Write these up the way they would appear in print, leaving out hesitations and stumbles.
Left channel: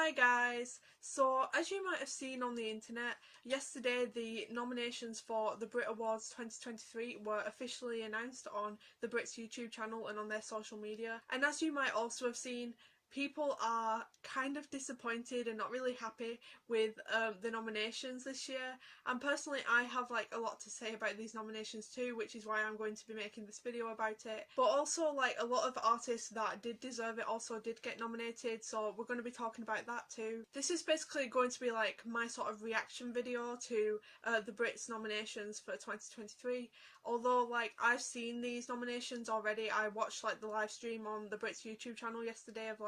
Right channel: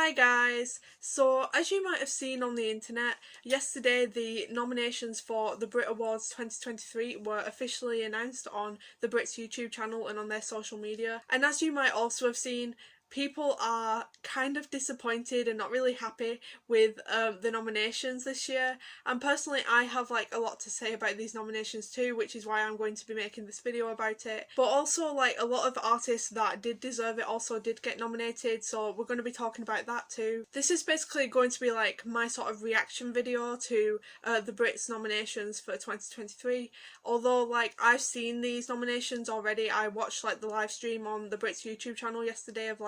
Hi guys! So as you might have seen on the internet, yesterday the nominations for the Brit Awards 2023 were officially announced on the Brits YouTube channel and on their social media. And as you might also have seen, people are kind of disappointed and not really happy with the nominations this year, and personally I have a lot to say about these nominations too, which is why I'm going to be making this video about it. But also a lot of artists that did deserve it also did get nominated, so we're going to be talking about that too. This is basically going to be my sort of reaction video to the Brits nominations for 2023. Although I've seen these nominations already. I watched the live stream on the Brits YouTube channel yesterday of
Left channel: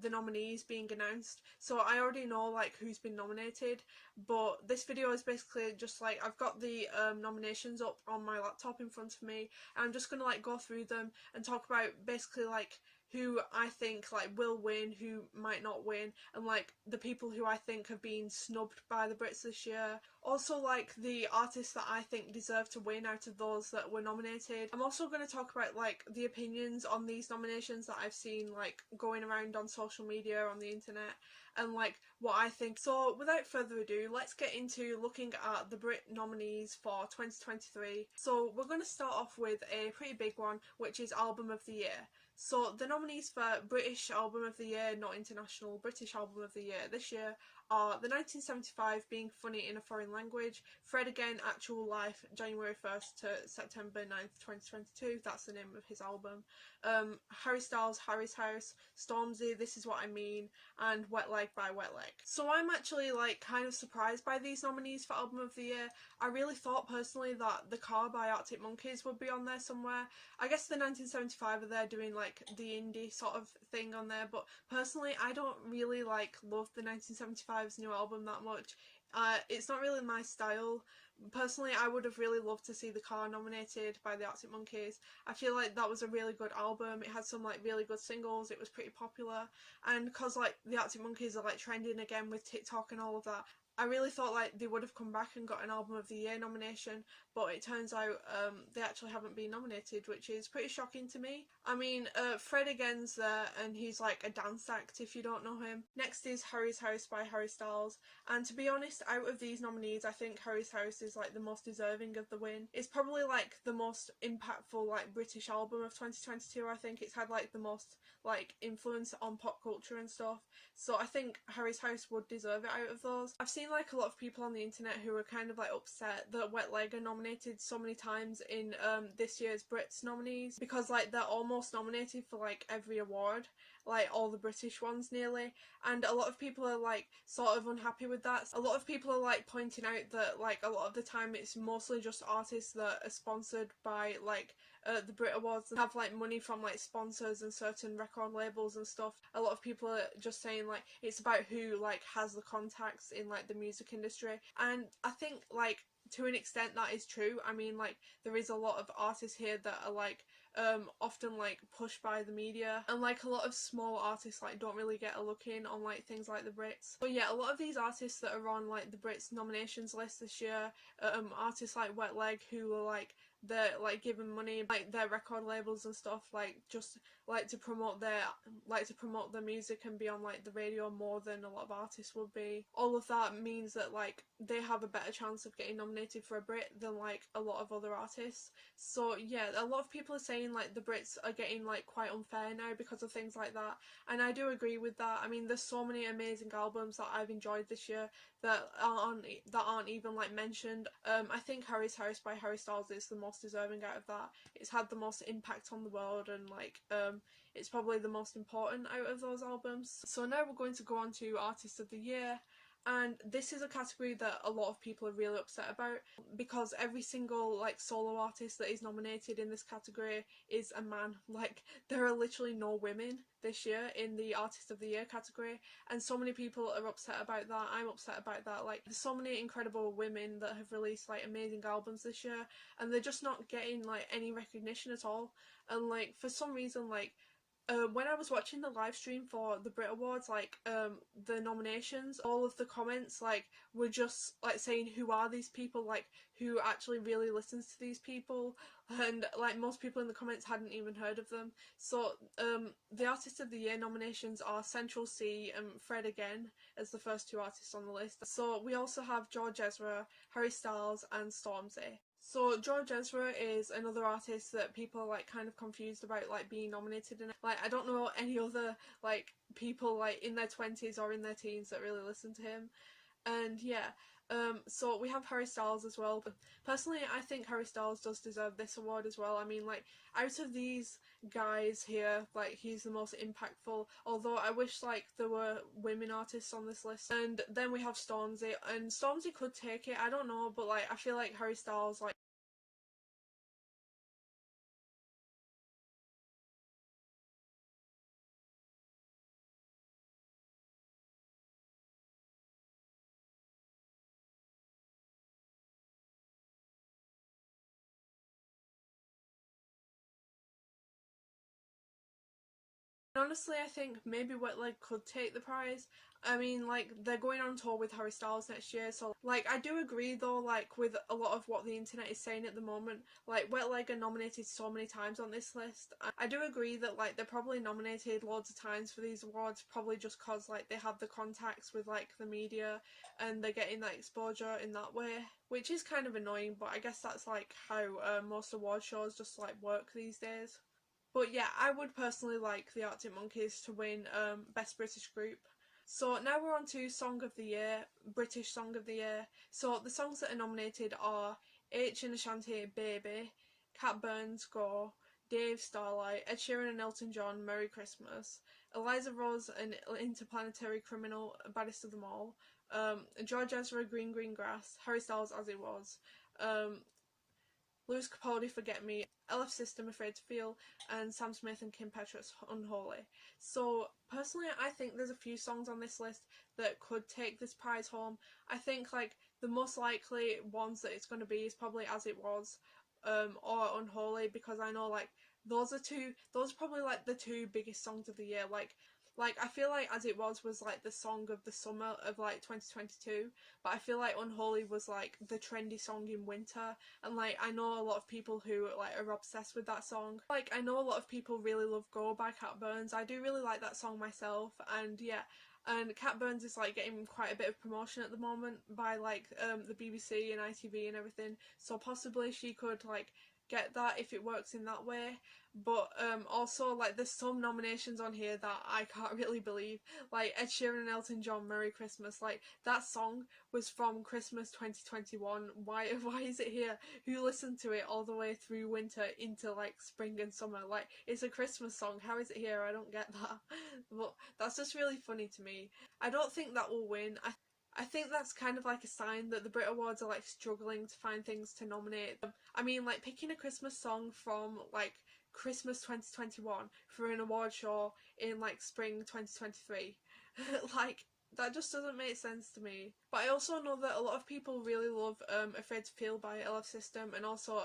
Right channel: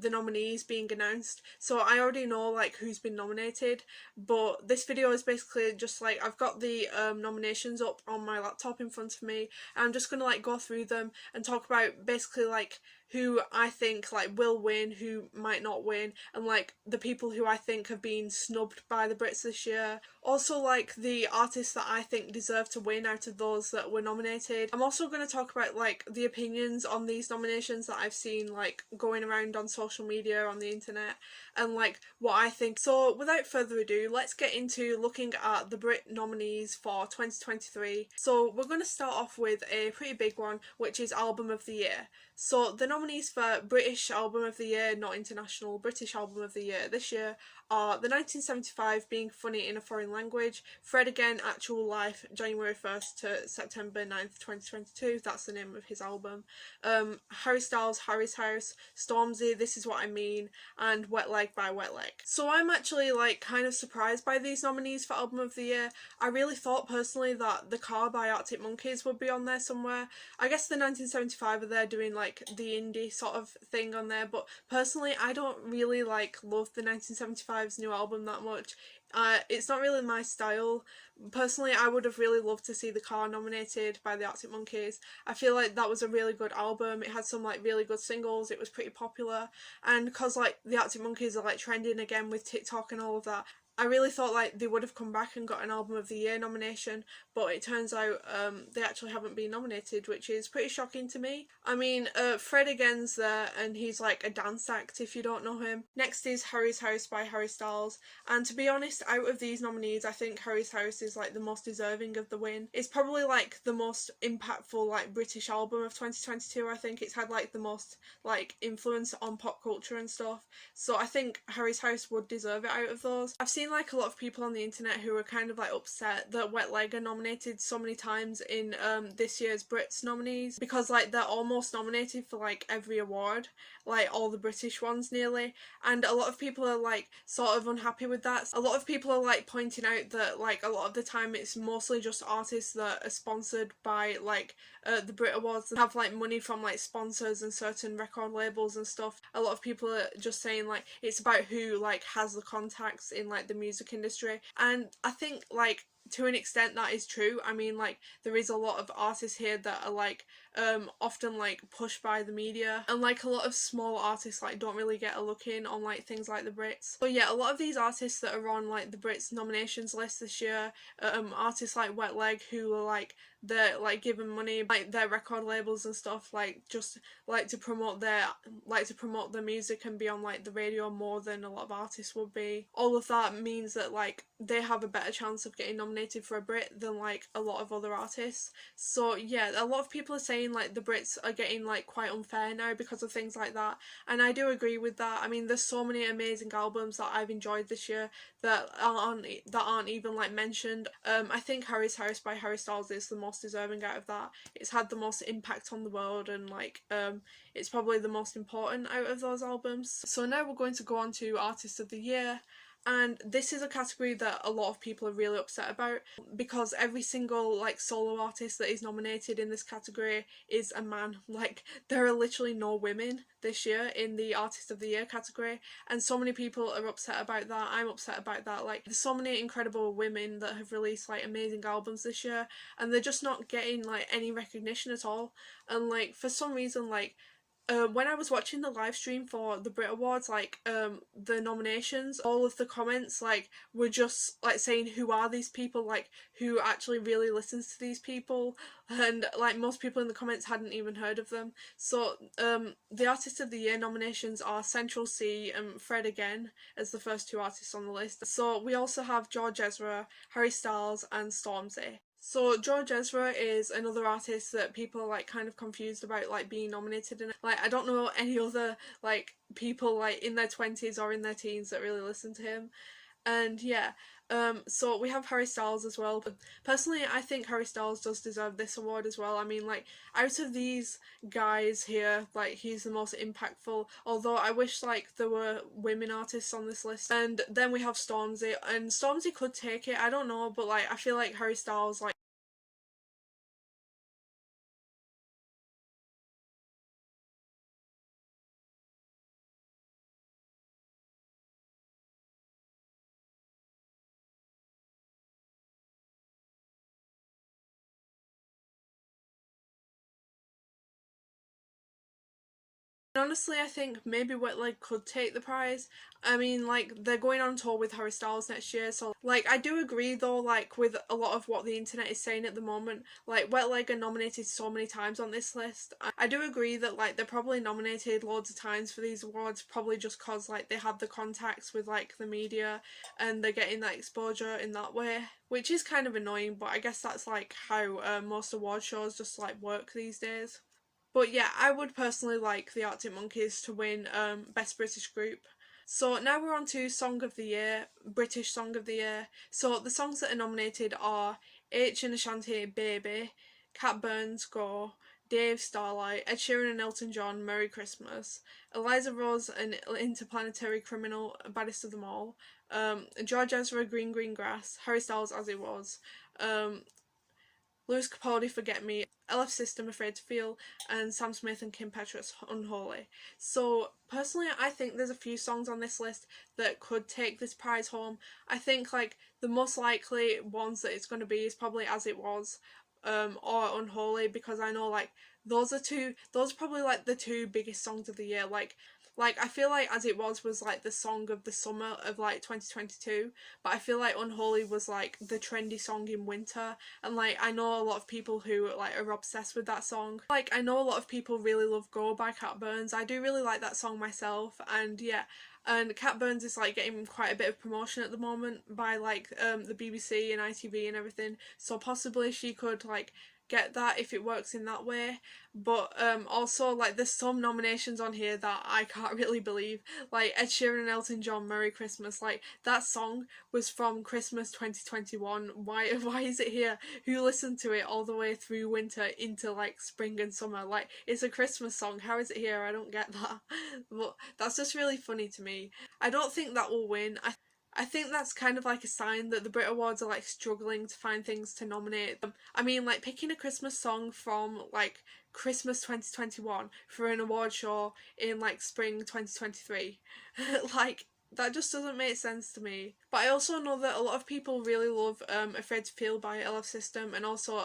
the nominees being announced, so I already know who's been nominated. But this video is basically just I've got the nominations up on my laptop in front of me, and I'm just gonna go through them and talk about basically who I think will win, who might not win, and the people who I think have been snubbed by the Brits this year. Also the artists that I think deserve to win out of those that were nominated. I'm also going to talk about the opinions on these nominations that I've seen going around on social media, on the internet, and what I think. So without further ado, let's get into looking at the Brit nominees for 2023. So we're going to start off with a pretty big one, which is Album of the Year. So the nominees for British Album of the Year, not international, British Album of the Year this year are the 1975 Being Funny in a Foreign Language, Fred Again Actual Life, January 1st to September 9th 2022, that's the name of his album, Harry Styles' Harry's House, Stormzy, This Is What I Mean, and Wet Leg by Wet Leg. So I'm actually kind of surprised by these nominees for Album of the Year. I really thought personally that The Car by Arctic Monkeys would be on there somewhere. I guess the 1975 are there doing the indie sort of thing on there, but personally I don't really love the 1975's new album that much. It's not really my style. Personally, I would have really loved to see The Car nominated by the Arctic Monkeys. I feel that was a really good album. It had some really good singles. It was pretty popular, and because the Arctic Monkeys are trending again with TikTok and all of that, I really thought they would have come back and got an Album of the Year nomination, but it turns out they actually haven't been nominated, which is pretty shocking to me. I mean, Fred Again's there, and he's a dance act if you don't know him. Next is Harry's House by Harry Styles, and to be honest, out of these nominees, I think Harry's House is the most deserving of the win. It's probably the most impactful British album of 2022. I think it's had the most influence on pop culture and stuff, so I think Harry's House would deserve it out of those. I've seen a lot of people on the internet who are kind of upset that Wet Leg are nominated so many times in this year's Brits nominees, because they're almost nominated for every award, all the British ones nearly, and a lot of people are sort of unhappy with that. A lot of people are pointing out that a lot of the time it's mostly just artists that are sponsored by the Brit Awards and have money from sponsors and certain record labels and stuff. A lot of people are just saying it's about who has the contacts in the music industry, and I think to an extent that is true. I mean there is a lot of artists here that are often pushed by the media, and a lot of small artists don't really get a look in on things like the Brits. But yeah, a lot of these artists that are on the Brits nominations list this year, artists like Wet Leg, who are they're given money by their record labels and stuff just to promote their music and be on the radio more than a lot of artists would be. All of that means that they have a better chance of getting nominated for a Brit than a lot of other artists. So yeah, a lot of people are saying the Brits are getting quite unfair now because of things like that, and I do agree with that. I mean, there's so many amazing albums that I've enjoyed this year that aren't even mentioned. I think Harry's House by Harry Styles is the most deserving out of that. It's had the most impact on the world, and it's probably the most important out of those albums. So now we're going to go on to Artist of the Year. And this is a category that a lot of people are really upset about, because every single solo artist that is nominated in this category is a man. There are literally no women this year in the Artist of the Year category, and so many people are upset about that. I'm upset about that. There's so many incredible women that have released amazing albums this year, and they're just not getting any recognition at all. And for some reason when I was watching the live stream for the Brit Awards, like the nominations, all of the comments like were just like saying who are these people, like who actually really listens to these people, and like most people in the comments hadn't even heard of them. So the Artist of the Year nominations are Central C and Fred again as the first two artists on the list. So we also have George Ezra, Harry Styles and Stormzy. So George Ezra is another artist that people are like kind of confused about like being nominated in it. Like I don't know any other like people like in their 20s or in their teens that really listen to him. And yeah, so we have Harry Styles as well. But personally, I think Harry Styles does deserve this award as well. I mean, like, out of these guys here, like, he's the most impactful. Although I wish, like, there were women artists on this list. And then we have Stormzy, and Stormzy could take it, I don't know, but, like, I feel like Harry Styles, like, honestly, I think maybe Wet Leg could take the prize. I mean, like, they're going on tour with Harry Styles next year, so, like, I do agree, though, like, with a lot of what the internet is saying at the moment. Like, Wet Leg are nominated so many times on this list. I do agree that, like, they're probably nominated loads of times for these awards, probably just cause, like, they have the contacts with, like, the media, and they're getting that exposure in that way. Which is kind of annoying, but I guess that's, like, how most award shows just, like, work these days. But yeah, I would personally like the Arctic Monkeys to win Best British Group. So now we're on to Song of the Year, British Song of the Year. So the songs that are nominated are H and Ashanti, Baby, Cat Burns, Go, Dave, Starlight, Ed Sheeran and Elton John, Merry Christmas, Eliza Rose and Interplanetary Criminal, Baddest of Them All, George Ezra, Green Green Grass, Harry Styles, As It Was, um, Lewis Capaldi, Forget Me, LF System, Afraid to Feel, and Sam Smith and Kim Petras, Unholy. So personally, I think there's a few songs on this list that could take this prize home. I think like the most likely ones that it's going to be is probably As It Was, or Unholy, because I know like those are probably like the two biggest songs of the year. Like I feel like As It Was like the song of the summer of like 2022, but I feel like Unholy was like the trendy song in winter, and like I know a lot of people who like are obsessed with that song. Like I know a lot of people really love Go by Cat Burns. I do really like that song myself, and yeah, and Cat Burns is like getting quite a bit of promotion at the moment by like the BBC and ITV and everything, so possibly she could like get that if it works in that way. But also like there's some nominations on here that I can't really believe, like Ed Sheeran and Elton John, Merry Christmas. Like that song was from Christmas 2021. Why is it here? Who listened to it all the way through winter into like spring and summer? Like it's a Christmas song, how is it here? I don't get that. But that's just really funny to me. I don't think that will win. I think that's kind of like a sign that the Brit Awards are like struggling to find things to nominate them. I mean, like picking a Christmas song from like Christmas 2021 for an award show in like spring 2023. Like that just doesn't make sense to me. But I also know that a lot of people really love Afraid to Feel by LF System, and also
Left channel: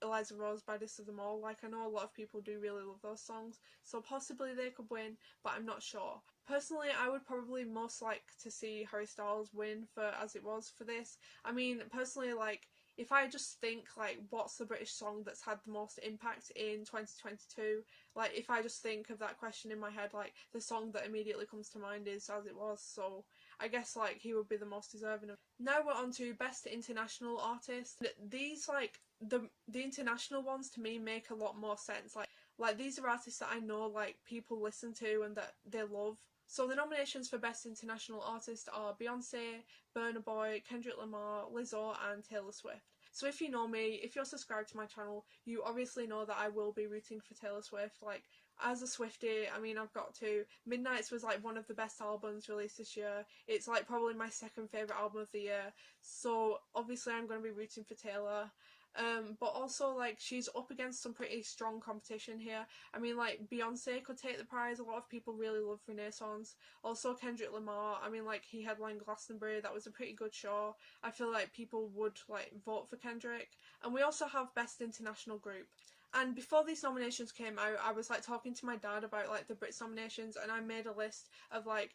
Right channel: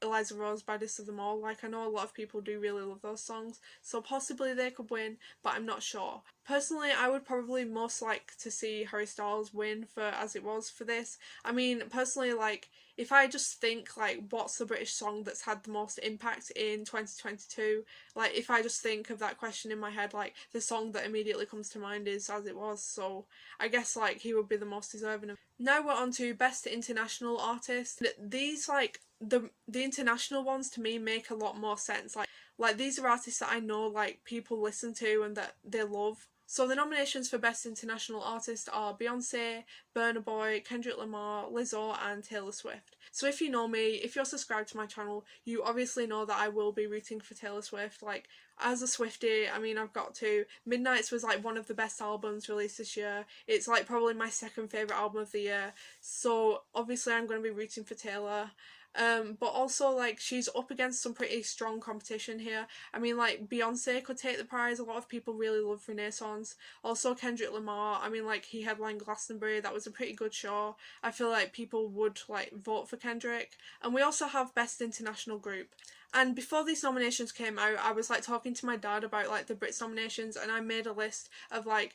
Eliza Rose, Baddest of Them All. Like I know a lot of people do really love those songs, so possibly they could win, but I'm not sure. Personally, I would probably most like to see Harry Styles win for As It Was for this. I mean, personally, like if I just think like what's the British song that's had the most impact in 2022, like if I just think of that question in my head, like the song that immediately comes to mind is As It Was, so I guess like he would be the most deserving of. Now we're on to Best International Artist. These like the international ones to me make a lot more sense. Like these are artists that I know like people listen to and that they love. So the nominations for Best International Artist are Beyonce, Burna Boy, Kendrick Lamar, Lizzo and Taylor Swift. So if you know me, if you're subscribed to my channel, you obviously know that I will be rooting for Taylor Swift. Like as a Swiftie, I mean I've got to. Midnights was like one of the best albums released this year. It's like probably my second favourite album of the year. So obviously I'm going to be rooting for Taylor. But also like she's up against some pretty strong competition here. I mean like Beyonce could take the prize, a lot of people really love Renaissance. Also Kendrick Lamar, I mean like he headlined Glastonbury, that was a pretty good show. I feel like people would like vote for Kendrick. And we also have Best International Group. And before these nominations came out, I was like talking to my dad about like the Brits nominations, and I made a list of like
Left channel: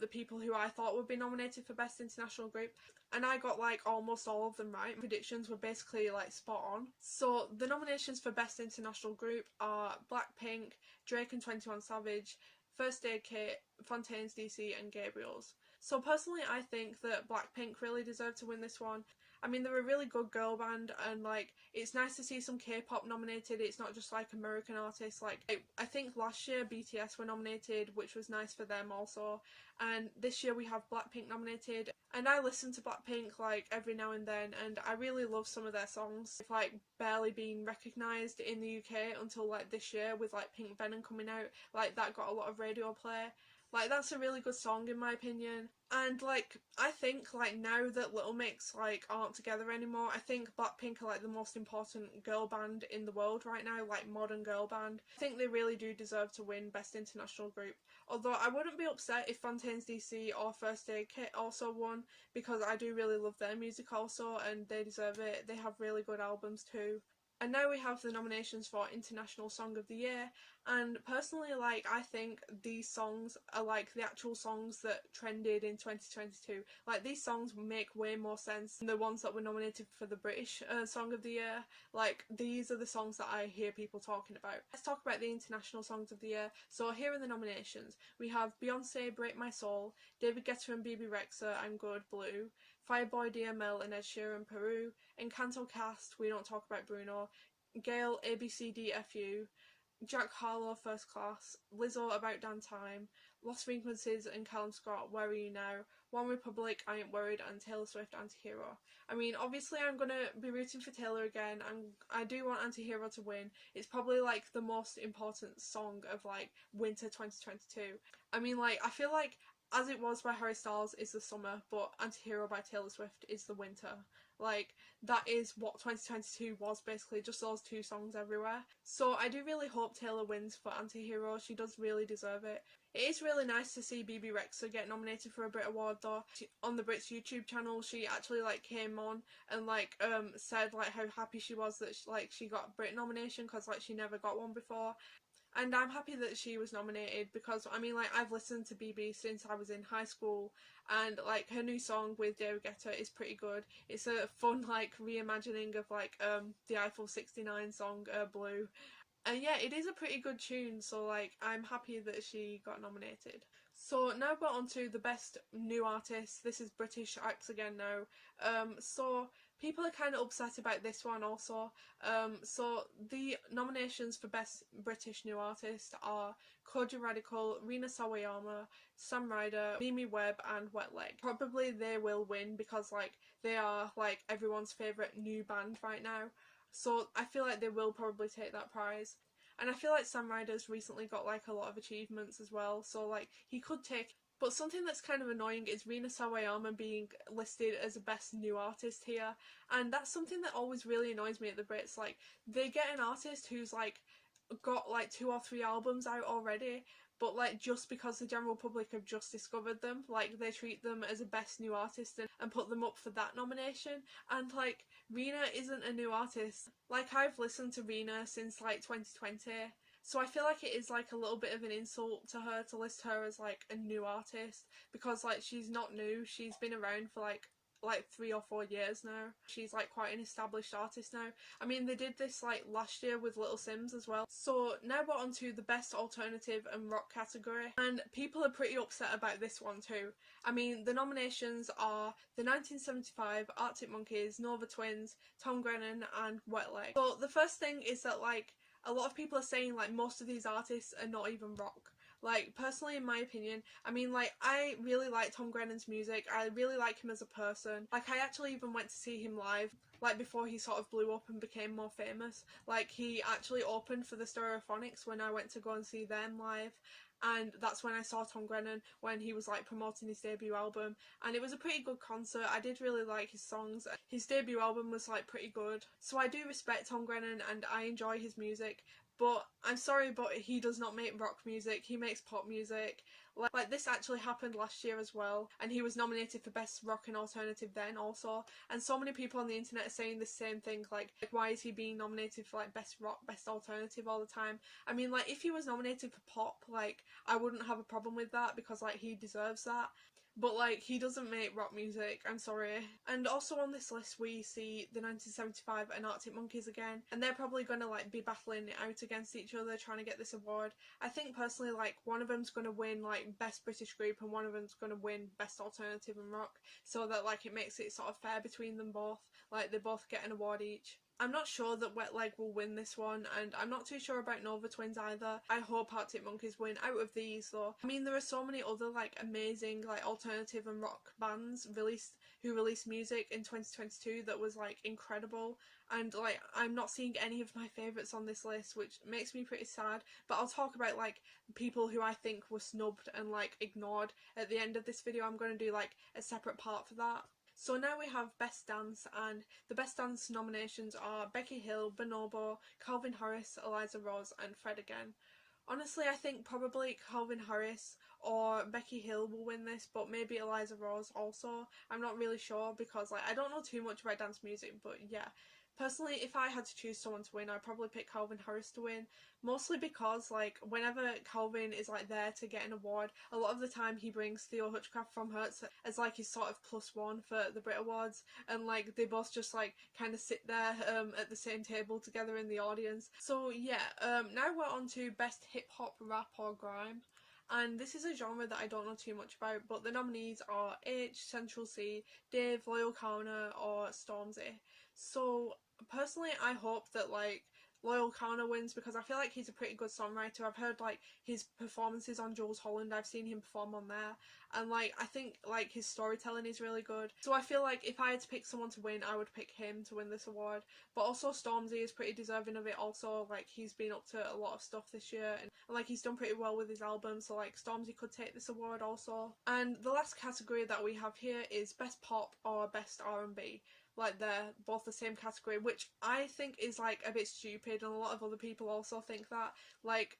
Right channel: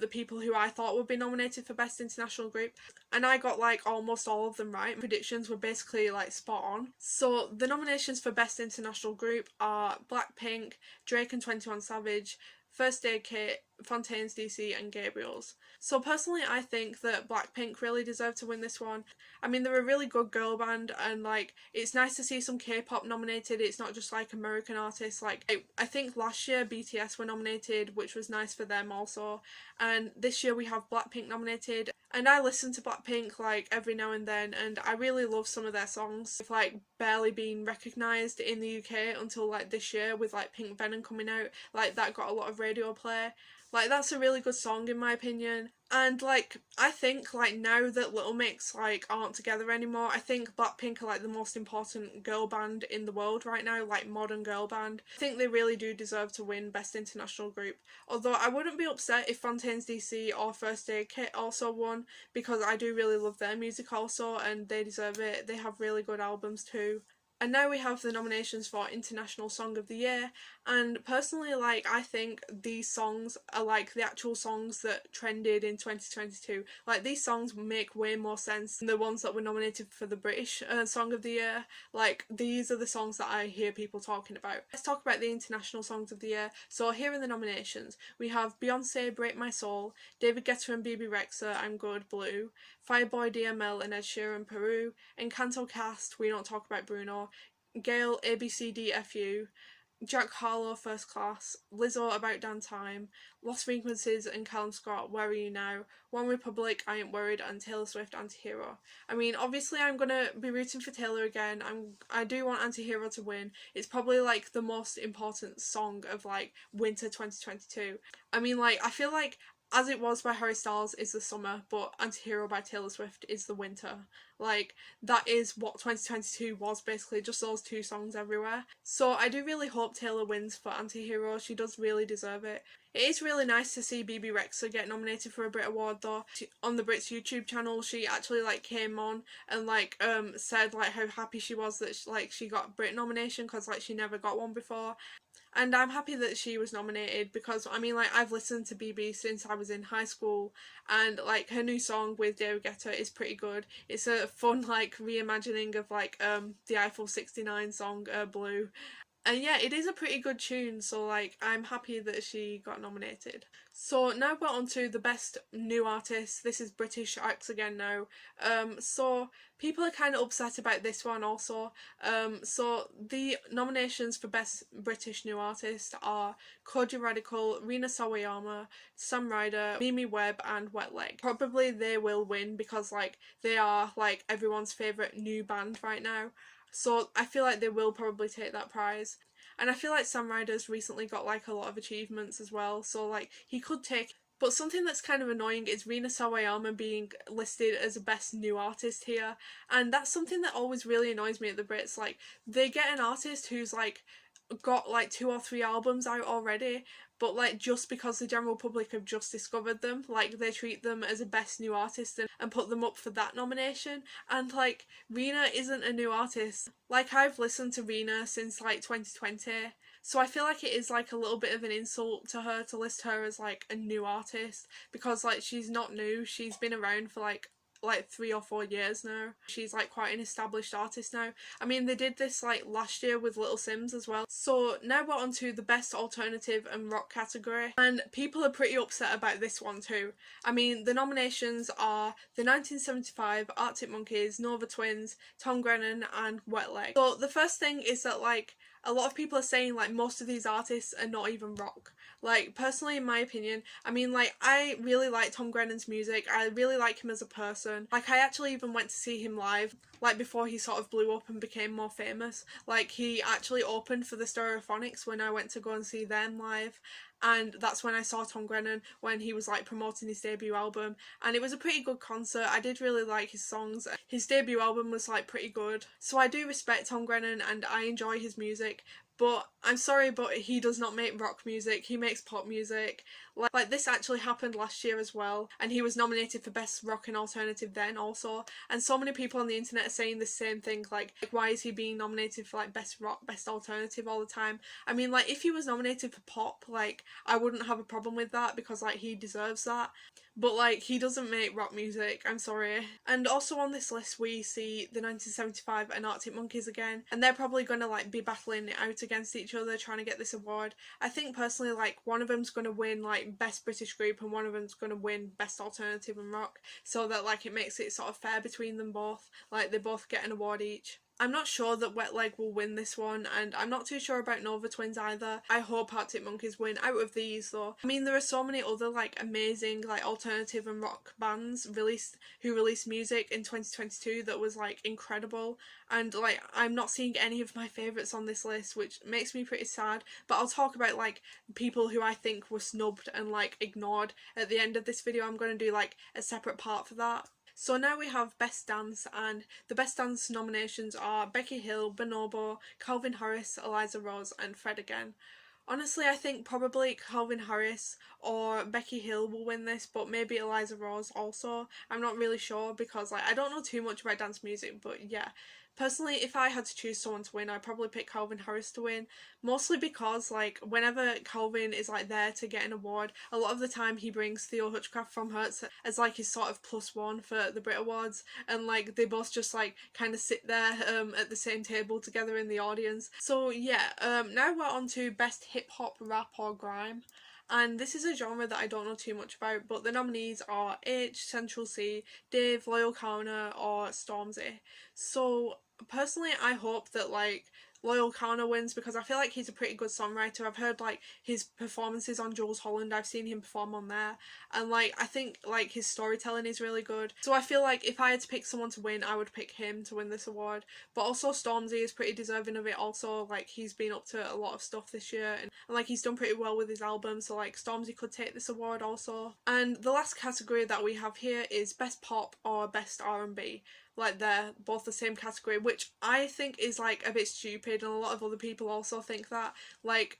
the people who I thought would be nominated for Best International Group, and I got like almost all of them right. Predictions were basically like spot on. So the nominations for Best International Group are Blackpink, Drake and 21 Savage, First Aid Kit, Fontaine's DC and Gabriel's. So personally I think that Blackpink really deserve to win this one. I mean, they're a really good girl band, and like it's nice to see some K-pop nominated. It's not just like American artists. Like I think last year BTS were nominated, which was nice for them also, and this year we have Blackpink nominated. And I listen to Blackpink like every now and then, and I really love some of their songs. They've like barely been recognised in the UK until like this year with like Pink Venom coming out. Like that got a lot of radio play. Like that's a really good song in my opinion. And like I think like now that Little Mix like aren't together anymore, I think Blackpink are like the most important girl band in the world right now, like modern girl band. I think they really do deserve to win Best International Group. Although I wouldn't be upset if Fontaine's DC or First Aid Kit also won, because I do really love their music also and they deserve it. They have really good albums too. And now we have the nominations for International Song of the Year, and personally like I think these songs are like the actual songs that trended in 2022. Like these songs make way more sense than the ones that were nominated for the British Song of the Year. Like these are the songs that I hear people talking about. Let's talk about the International Songs of the Year. So here are the nominations. We have Beyonce, Break My Soul, David Guetta and BB Rexa, I'm Good, Blue, Fireboy DML and Ed Sheeran, Peru, Encanto Cast, We Don't Talk About Bruno, Gayle, ABCDFU, Jack Harlow, First Class, Lizzo, About Damn Time, Lost Frequencies and Callum Scott, Where Are You Now, One Republic, I Ain't Worried, and Taylor Swift, Antihero. I mean, obviously I'm gonna be rooting for Taylor again. I do want Antihero to win. It's probably like the most important song of like winter 2022. I mean, like I feel like As It Was by Harry Styles is the summer, but Antihero by Taylor Swift is the winter. Like, that is what 2022 was basically, just those two songs everywhere. So I do really hope Taylor wins for Antihero. She does really deserve it. It is really nice to see BB Rexa get nominated for a Brit Award though. On the Brits YouTube channel, she actually like came on and like said like how happy she was that she got a Brit nomination, because like she never got one before. And I'm happy that she was nominated, because I mean like I've listened to BB since I was in high school, and like her new song with David Guetta is pretty good. It's a fun like reimagining of like the Eiffel 69 song Blue. And yeah, it is a pretty good tune, so like I'm happy that she got nominated. So now we're on to the best new artist. This is British acts again now. So people are kind of upset about this one also. So the nominations for best British new artist are Koji Radical, Rina Sawayama, Sam Ryder, Mimi Webb and Wet Leg. Probably they will win because like they are like everyone's favourite new band right now. So I feel like they will probably take that prize. And I feel like Sam Ryder's recently got like a lot of achievements as well, so like he could take. But something that's kind of annoying is Rina Sawayama being listed as a best new artist here, and that's something that always really annoys me at the Brits. Like they get an artist who's like got like 2 or 3 albums out already, but like just because the general public have just discovered them, like they treat them as a best new artist and put them up for that nomination. And like Rina isn't a new artist. Like I've listened to Rina since like 2020, so I feel like it is like a little bit of an insult to her to list her as like a new artist, because like she's not new. She's been around for like 3 or 4 years now. She's like quite an established artist now. I mean they did this like last year with Little Sims as well. So now we're on to the best alternative and rock category, and people are pretty upset about this one too. I mean the nominations are the 1975, Arctic Monkeys, Nova Twins, Tom Grennan and Wet Leg. So the first thing is that like a lot of people are saying like most of these artists are not even rock. Like personally in my opinion, I mean like I really like Tom Grennan's music. I really like him as a person. Like I actually even went to see him live, like before he sort of blew up and became more famous. Like he actually opened for the Stereophonics when I went to go and see them live, and that's when I saw Tom Grennan when he was like promoting his debut album, and it was a pretty good concert. I did really like his songs. His debut album was like pretty good, so I do respect Tom Grennan and I enjoy his music. But I'm sorry, but he does not make rock music. He makes pop music. Like this actually happened last year as well, and he was nominated for Best Rock and Alternative then also, and so many people on the internet are saying the same thing, like why is he being nominated for like Best Rock, Best Alternative all the time? I mean, like if he was nominated for pop, like I wouldn't have a problem with that because like he deserves that. But like he doesn't make rock music, I'm sorry. And also on this list we see the 1975 and Arctic Monkeys again, and they're probably gonna like be battling it out against each other trying to get this award. I think personally like one of them's gonna win like Best British Group and one of them's gonna win Best Alternative and Rock, so that like it makes it sort of fair between them both, like they both get an award each. I'm not sure that Wet Leg will win this one, and I'm not too sure about Nova Twins either. I hope Arctic Monkeys win out of these though. I mean, there are so many other like amazing like alternative and rock bands who released music in 2022 that was like incredible, and like I'm not seeing any of my favourites on this list, which makes me pretty sad. But I'll talk about like people who I think were snubbed and like ignored at the end of this video. I'm going to do like a separate part for that. So now we have Best Dance, and the Best Dance nominations are Becky Hill, Bonobo, Calvin Harris, Eliza Rose and Fred again. Honestly, I think probably Calvin Harris or Becky Hill will win this, but maybe Eliza Rose also. I'm not really sure because like I don't know too much about dance music, but yeah. Personally, if I had to choose someone to win, I'd probably pick Calvin Harris to win, mostly because like whenever Calvin is like there to get an award, a lot of the time he brings Theo Hutchcraft from Hertz as like his sort of +1 for the Brit Awards, and like they both just like kind of sit there at the same table together in the audience. So yeah, now we're on to Best Hip Hop, Rap or Grime. And this is a genre that I don't know too much about, but the nominees are H, Central C, Dave, Loyal Kauna or Stormzy. So personally I hope that like Loyal Kauna wins because I feel like he's a pretty good songwriter. I've heard like his performances on Jules Holland, I've seen him perform on there, and like I think like his storytelling is really good. So I feel like if I had to pick someone to win, I would pick him to win this award. But also Stormzy is pretty deserving of it also, like he's been up to a lot of stuff this year, and like he's done pretty well with his album, so like Stormzy could take this award also. And the last category that we have here is Best Pop or Best R&B. Like they're both the same category, which I think is like a bit stupid, and a lot of other people also think that. Like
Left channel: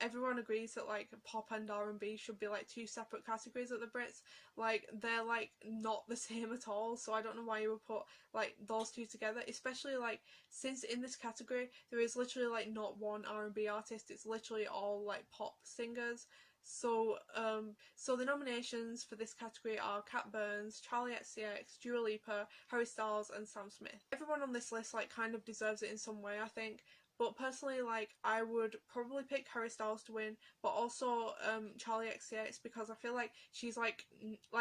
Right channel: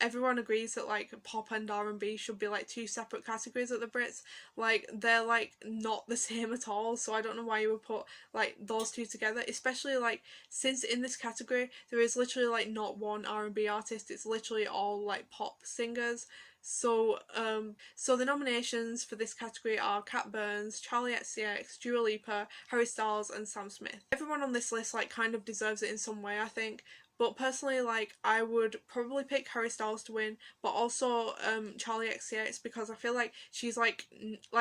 everyone agrees that like pop and R&B should be like two separate categories at the Brits. Like they're like not the same at all, so I don't know why you would put like those two together, especially like since in this category there is literally like not one R&B artist, it's literally all like pop singers. So the nominations for this category are Cat Burns, Charlie XCX, Dua Lipa, Harry Styles and Sam Smith. Everyone on this list like kind of deserves it in some way, I think. But personally, like I would probably pick Harry Styles to win, but also Charlie XCX, because I feel like she's like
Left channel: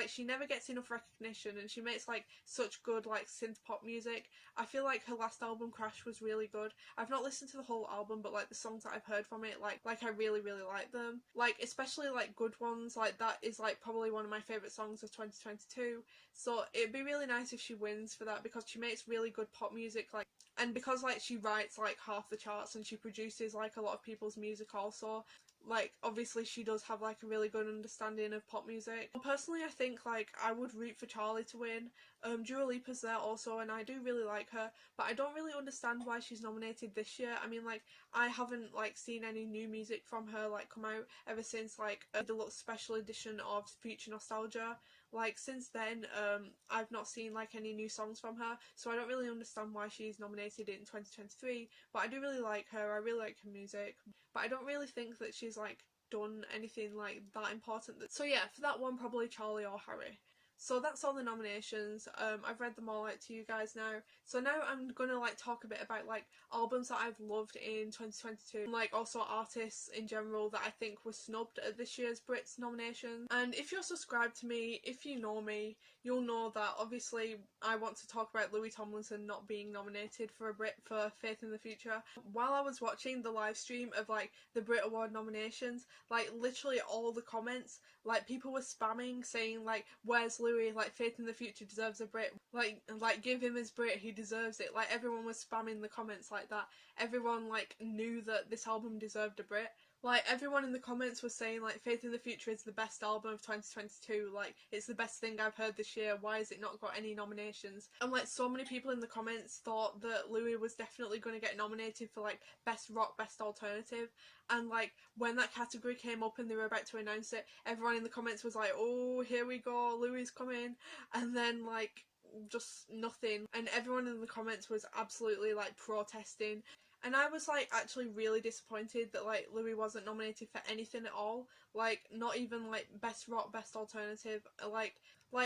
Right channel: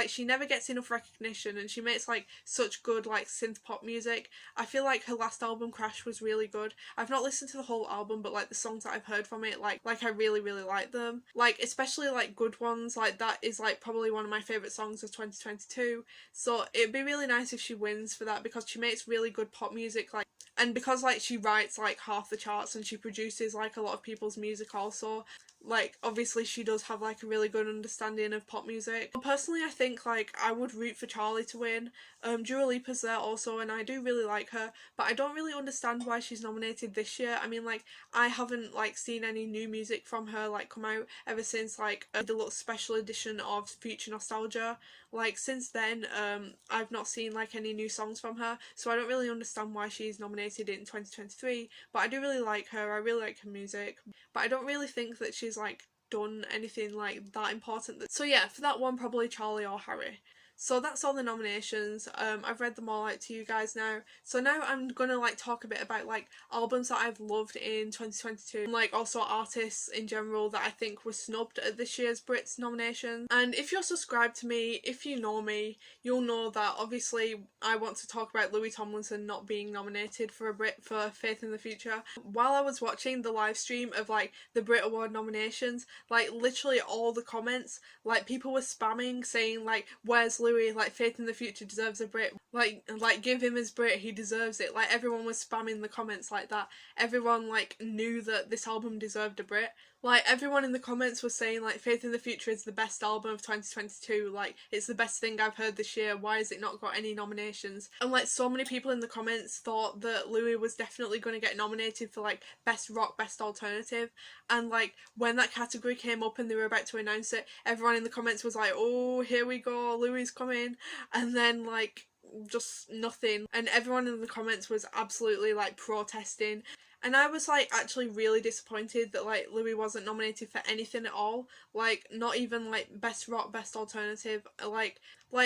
she never gets enough recognition, and she makes like such good like synth pop music. I feel like her last album Crash was really good. I've not listened to the whole album, but like the songs that I've heard from it, like I really like them. Like especially like Good Ones, like that is like probably one of my favourite songs of 2022. So it'd be really nice if she wins for that, because she makes really good pop music, like, and because like she writes like half the charts and she produces like a lot of people's music also, like obviously she does have like a really good understanding of pop music. But personally I think like I would root for Charlie to win. Dua Lipa's there also and I do really like her, but I don't really understand why she's nominated this year. I mean like I haven't like seen any new music from her like come out ever since like the little special edition of Future Nostalgia. Like since then I've not seen like any new songs from her, so I don't really understand why she's nominated in 2023. But I do really like her, I really like her music, but I don't really think that she's like done anything like that important. So yeah, for that one probably Charlie or Harry. So that's all the nominations. I've read them all out to you guys now. So now I'm gonna like talk a bit about like albums that I've loved in 2022, and like also artists in general that I think were snubbed at this year's Brits nominations. And if you're subscribed to me, if you know me, you'll know that obviously I want to talk about Louis Tomlinson not being nominated for a Brit for Faith in the Future. While I was watching the live stream of like the Brit Award nominations, like literally all the comments, like people were spamming saying like, where's Louis, like Faith in the Future deserves a Brit, like give him his Brit, he deserves it. Like everyone was spamming the comments like that. Everyone like knew that this album deserved a Brit. Like, everyone in the comments was saying, like, Faith in the Future is the best album of 2022, like, it's the best thing I've heard this year, why has it not got any nominations? And, like, so many people in the comments thought that Louis was definitely going to get nominated for, like, Best Rock, Best Alternative, and, like, when that category came up and they were about to announce it, everyone in the comments was like, oh, here we go, Louis coming, and then, like, just nothing, and everyone in the comments was absolutely, like, protesting. And I was like actually really disappointed that like Louis wasn't nominated for anything at all. Like, not even like Best Rock, Best Alternative. Like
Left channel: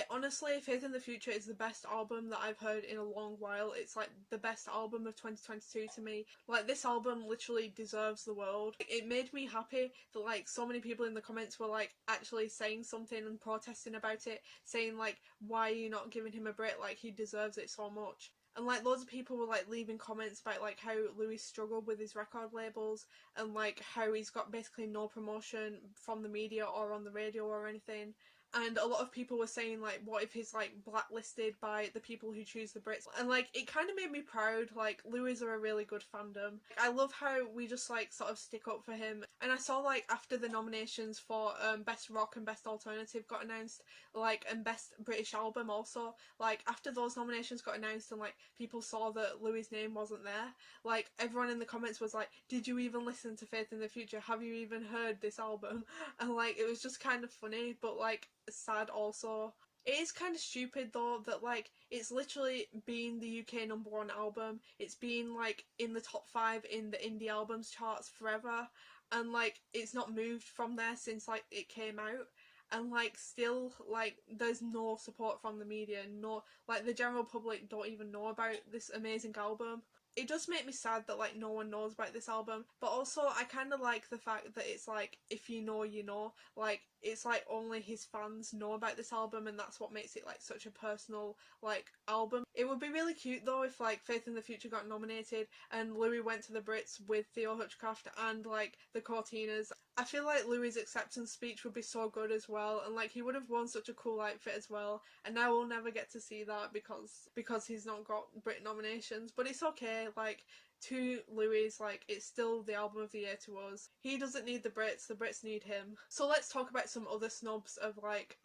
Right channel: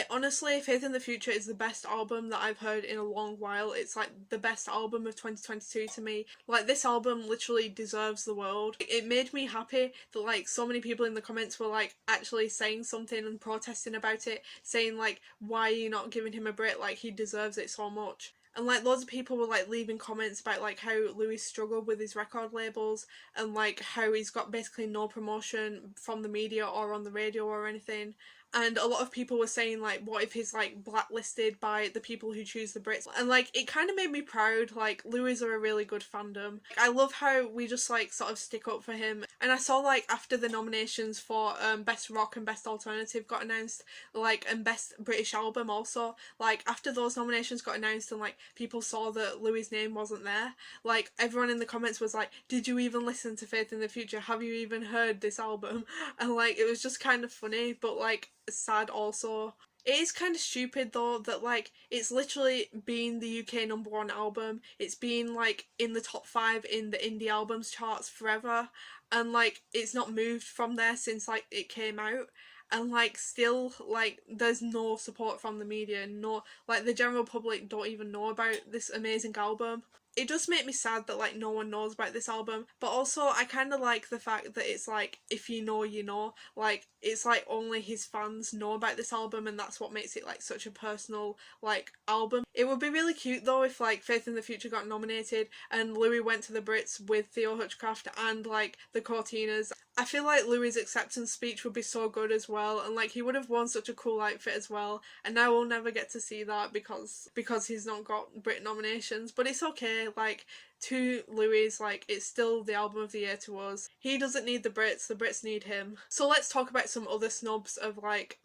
honestly, Faith in the Future is the best album that I've heard in a long while. It's like the best album of 2022 to me. Like, this album literally deserves the world. It made me happy that like so many people in the comments were like actually saying something and protesting about it, saying like, why are you not giving him a Brit, like he deserves it so much. And like loads of people were like leaving comments about like how Louis struggled with his record labels and like how he's got basically no promotion from the media or on the radio or anything. And a lot of people were saying like, what if he's like blacklisted by the people who choose the Brits? And like it kind of made me proud. Like, Louis are a really good fandom. I love how we just like sort of stick up for him. And I saw like after the nominations for Best Rock and Best Alternative got announced, like, and Best British Album also, like after those nominations got announced and like people saw that Louis' name wasn't there, like everyone in the comments was like, did you even listen to Faith in the Future? Have you even heard this album? And like it was just kind of funny, but like sad also. It is kind of stupid though that like it's literally been the UK #1 album. It's been like in the top 5 in the indie albums charts forever, and like it's not moved from there since like it came out. And like still like there's no support from the media, no, like the general public don't even know about this amazing album. It does make me sad that like no one knows about this album, but also I kind of like the fact that it's like, if you know you know, like it's like only his fans know about this album, and that's what makes it like such a personal like album. It would be really cute though if like Faith in the Future got nominated and Louis went to the Brits with Theo Hutchcraft and like the Cortinas. I feel like Louis' acceptance speech would be so good as well, and like he would have worn such a cool outfit as well, and now we'll never get to see that because he's not got Brit nominations. But it's okay, like, to Louis, like, it's still the album of the year to us. He doesn't need the Brits need him. So let's talk about some other snubs of like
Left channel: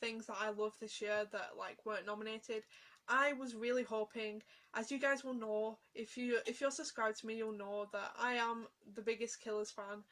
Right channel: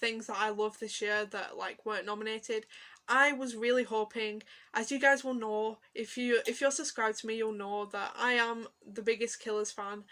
things that I love this year that like weren't nominated. I was really hoping, as you guys will know, if you're subscribed to me, you'll know that I am the biggest Killers fan.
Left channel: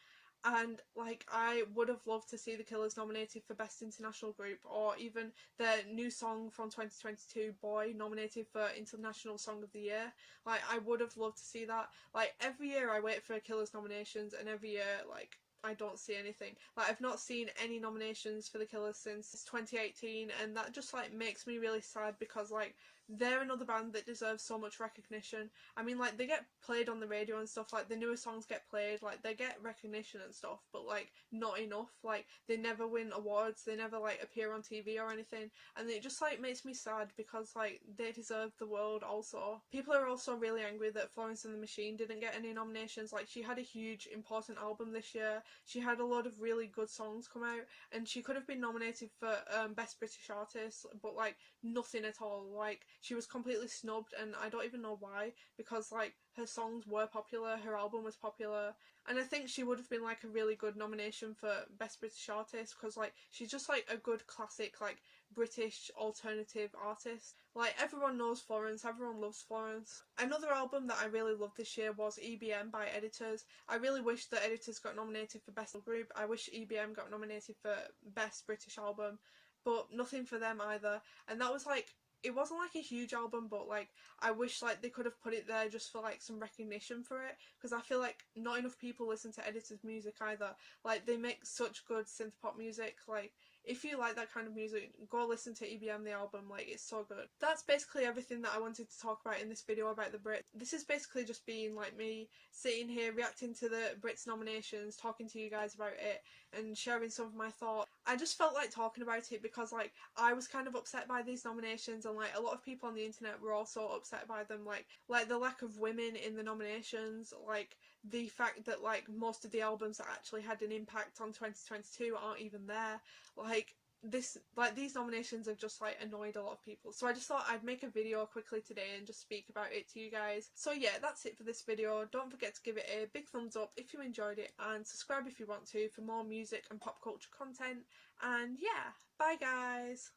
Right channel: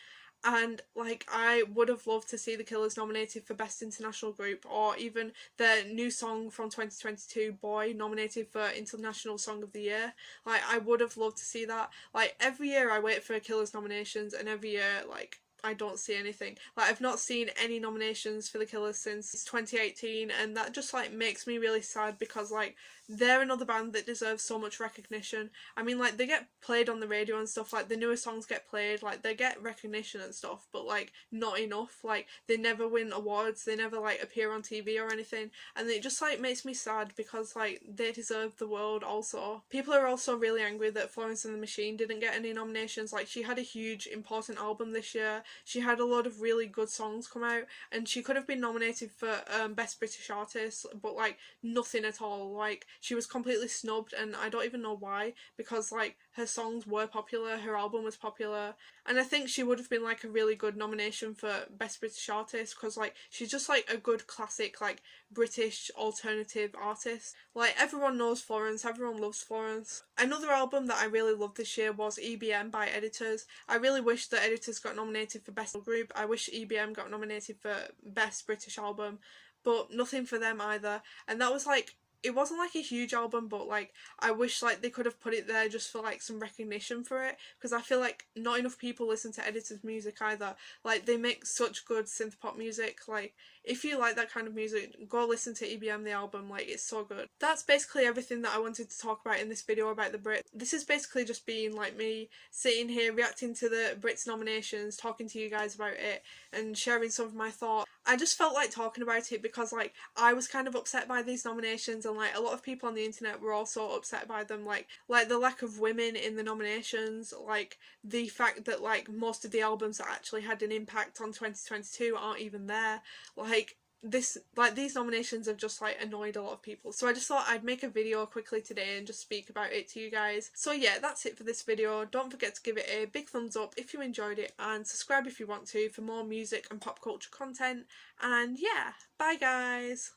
And like I would have loved to see the Killers nominated for Best International Group, or even their new song from 2022, Boy, nominated for International Song of the Year. Like, I would have loved to see that. Like, every year I wait for Killers nominations, and every year like I don't see anything. Like, I've not seen any nominations for the Killers since 2018, and that just like makes me really sad because like they're another band that deserves so much recognition. I mean, like, they get played on the radio and stuff, like the newer songs get played, like they get recognition and stuff, but like not enough. Like, they never win awards, they never like appear on TV or anything, and it just like makes me sad because like they deserve the world also. People are also really angry that Florence and the Machine didn't get any nominations. Like, she had a huge important album this year, she had a lot of really good songs come out, and she could have been nominated for Best British Artist, but like nothing at all. Like, she was completely snubbed, and I don't even know why, because like her songs were popular, her album was popular, and I think she would have been like a really good nomination for Best British Artist because like she's just like a good classic like British alternative artist. Like, everyone knows Florence, everyone loves Florence. Another album that I really loved this year was EBM by Editors. I really wish that Editors got nominated for Best Group. I wish EBM got nominated for Best British Album, but nothing for them either. And that was like, it wasn't like a huge album, but like I wish like they could have put it there just for like some recognition for it, because I feel like not enough people listen to Editors' music either. Like, they make such good synth pop music. Like, if you like that kind of music, go listen to EBM the album, like it's so good. That's basically everything that I wanted to talk about in this video about the Brits. This is basically just being like me sitting here reacting to the Brits nominations, talking to you guys about it and sharing some of my thoughts. I just felt like talking about it because like I was kind of upset by these nominations, and like a lot of people on the internet were also upset by them, like the lack of women in the nominations, like the fact that like most of the albums that actually had an impact on 2022 aren't even there. Like, these nominations have just like annoyed a lot of people, so I just thought I'd make a video quickly today and just speak about it to you guys. So yeah, that's it for this video. Don't forget to give it a big thumbs up if you enjoyed it, and subscribe if you want to for more music and pop culture content. And yeah, bye guys!